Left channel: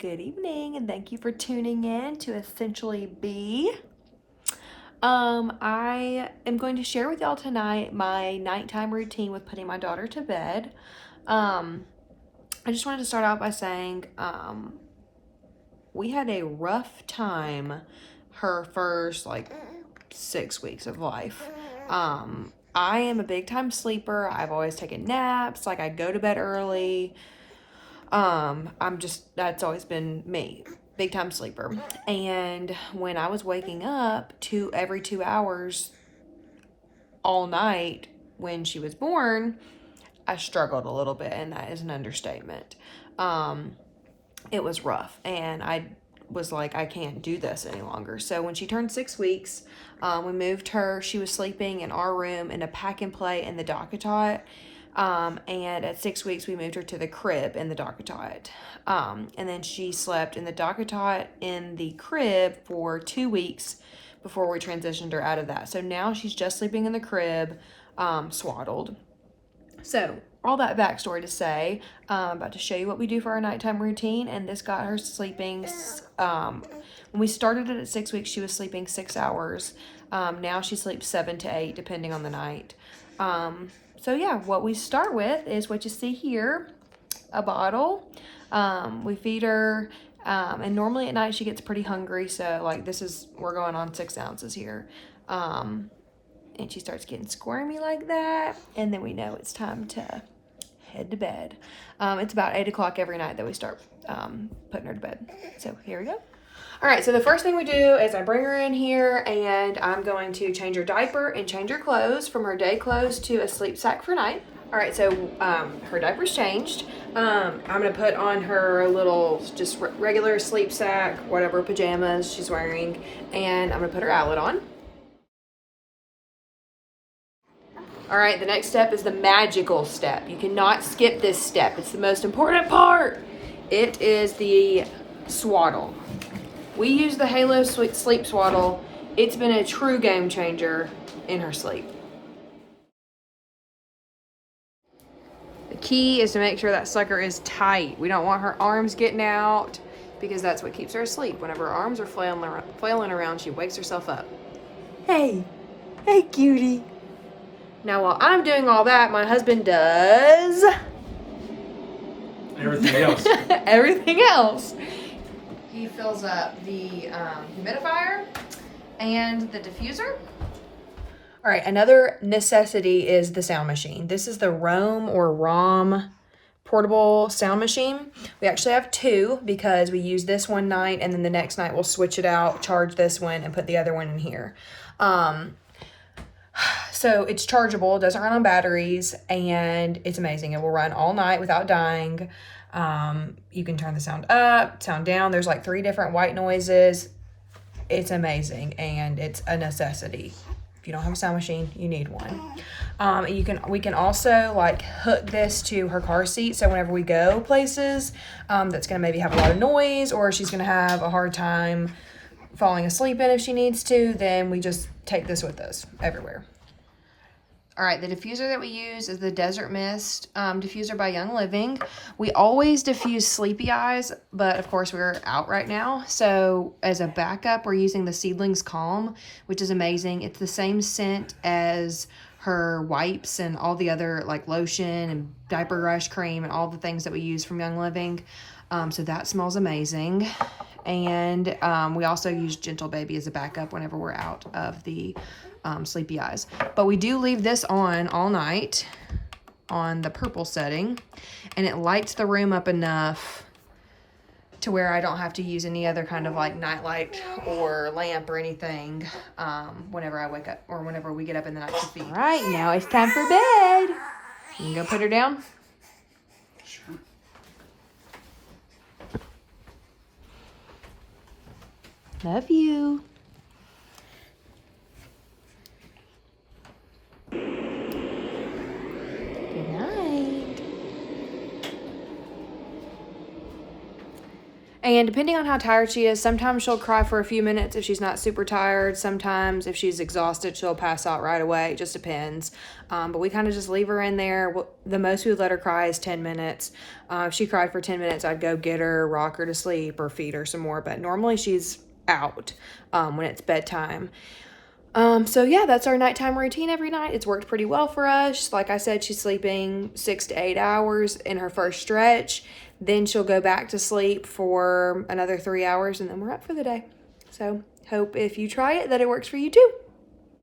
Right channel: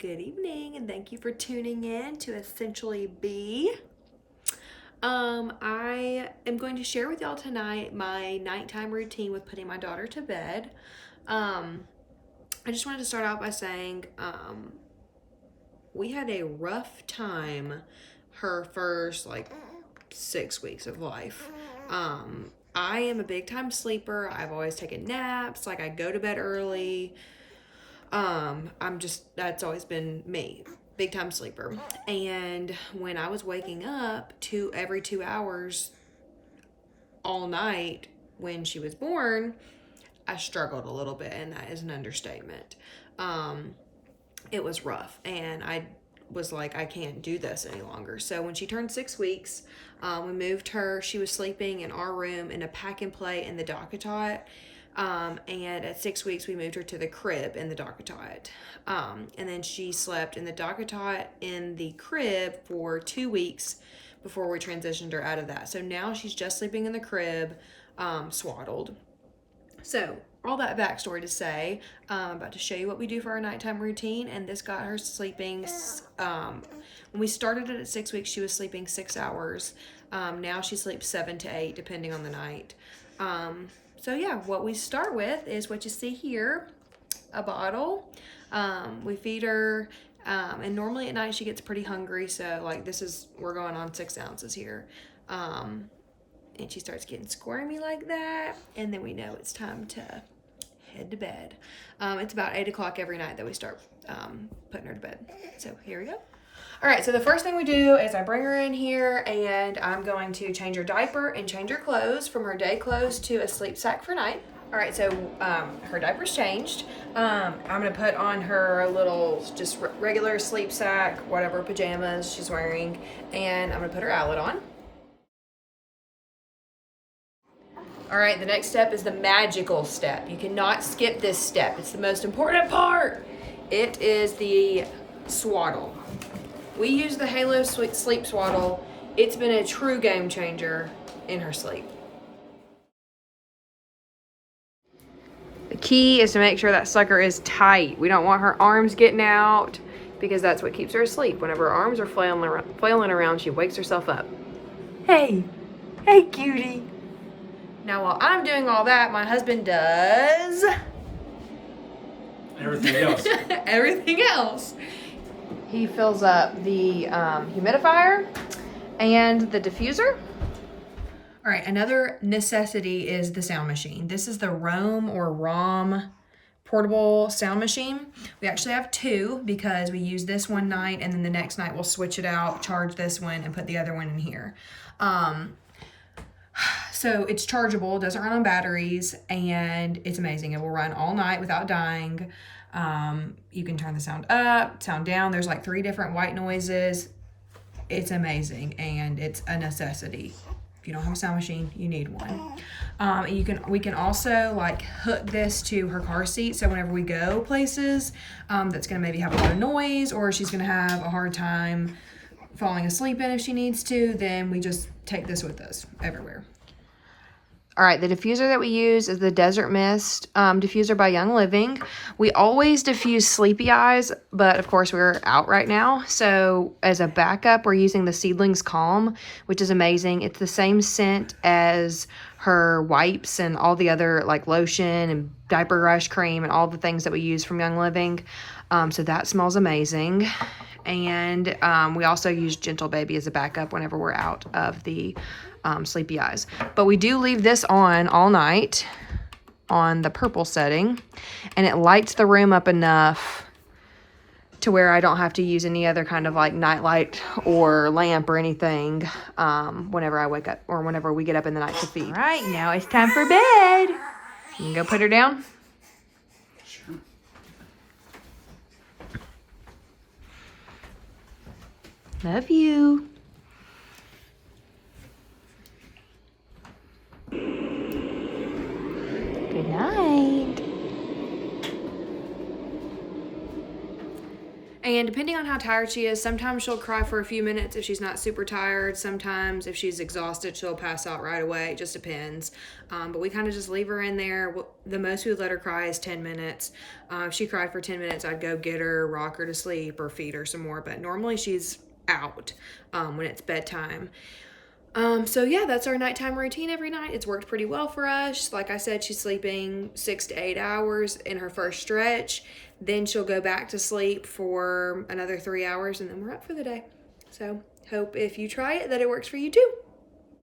good evening, and thank you for tuning in to Essentially Be. I am going to share with y'all tonight my nighttime routine with putting my daughter to bed. I just wanted to start out by saying we had a rough time her first 6 weeks of life. I am a big time sleeper. I've always taken naps. I go to bed early. That's always been me, big time sleeper. And when I was waking up every 2 hours all night when she was born, I struggled a little bit, and that is an understatement. It was rough, and I was like, I can't do this any longer. So when she turned 6 weeks, we moved her. She was sleeping in our room in a pack and play in the DockATot. And at 6 weeks, we moved her to the crib in the DockATot. And then she slept in the DockATot in the crib for 2 weeks before we transitioned her out of that. So now she's just sleeping in the crib, swaddled. So all that backstory to say, I'm about to show you what we do for our nighttime routine, and this got her sleeping. When we started it at 6 weeks, she was sleeping 6 hours. Now she sleeps 7 to 8, depending on the night. So yeah, what we start with is what you see here, a bottle. We feed her, and normally at night she gets pretty hungry, so we're going on 6 ounces here. And she starts getting squirmy like that, and then we know it's time to head to bed. It's about 8 o'clock every night that we start putting her to bed. So here we go. All right, so the first thing we do is I bring her in here, and I'm going to change her diaper and change her clothes from her day clothes to a sleep sack for night. All right, so her diaper's changed. I'm gonna put on her little, just regular sleep sack, whatever pajamas she's wearing, and I'm gonna put her Owlet on. All right, the next step is the magical step. You cannot skip this step. It's the most important part. It is the swaddle. We use the Halo Sleep Swaddle. It's been a true game changer in her sleep. The key is to make sure that sucker is tight. We don't want her arms getting out, because that's what keeps her asleep. Whenever her arms are flailing around, she wakes herself up. Hey cutie. Now while I'm doing all that, my husband does everything else. Everything else. He fills up the humidifier and the diffuser. All right, another necessity is the sound machine. This is the Roam or ROM portable sound machine. We actually have 2 because we use this one night, and then the next night we'll switch it out, charge this one, and put the other one in here. So it's chargeable, it doesn't run on batteries, and it's amazing. It will run all night without dying. You can turn the sound up, sound down. There's 3 different white noises. It's amazing, and it's a necessity. If you don't have a sound machine, you need one. We can also hook this to her car seat, so whenever we go places that's gonna maybe have a lot of noise, or she's gonna have a hard time falling asleep in if she needs to, then we just take this with us everywhere. All right, the diffuser that we use is the Desert Mist diffuser by Young Living. We always diffuse Sleepy Eyes, but of course we're out right now. So as a backup, we're using the Seedlings Calm, which is amazing. It's the same scent as her wipes and all the other lotion and diaper rash cream and all the things that we use from Young Living. So that smells amazing. And we also use Gentle Baby as a backup whenever we're out of the Sleepy Eyes. But we do leave this on all night on the purple setting, and it lights the room up enough to where I don't have to use any other kind of night light or lamp or anything whenever I wake up or whenever we get up in the night to feed. All right, now it's time for bed. You can go put her down. Sure. Love you. Good night. And depending on how tired she is, sometimes she'll cry for a few minutes if she's not super tired. Sometimes if she's exhausted, she'll pass out right away. It just depends. But we kind of just leave her in there. The most we would let her cry is 10 minutes. If she cried for 10 minutes, I'd go get her, rock her to sleep, or feed her some more. But normally she's out when it's bedtime. So yeah, that's our nighttime routine every night. It's worked pretty well for us. Like I said, she's sleeping 6 to 8 hours in her first stretch. Then she'll go back to sleep for another 3 hours, and then we're up for the day. So hope if you try it that it works for you too.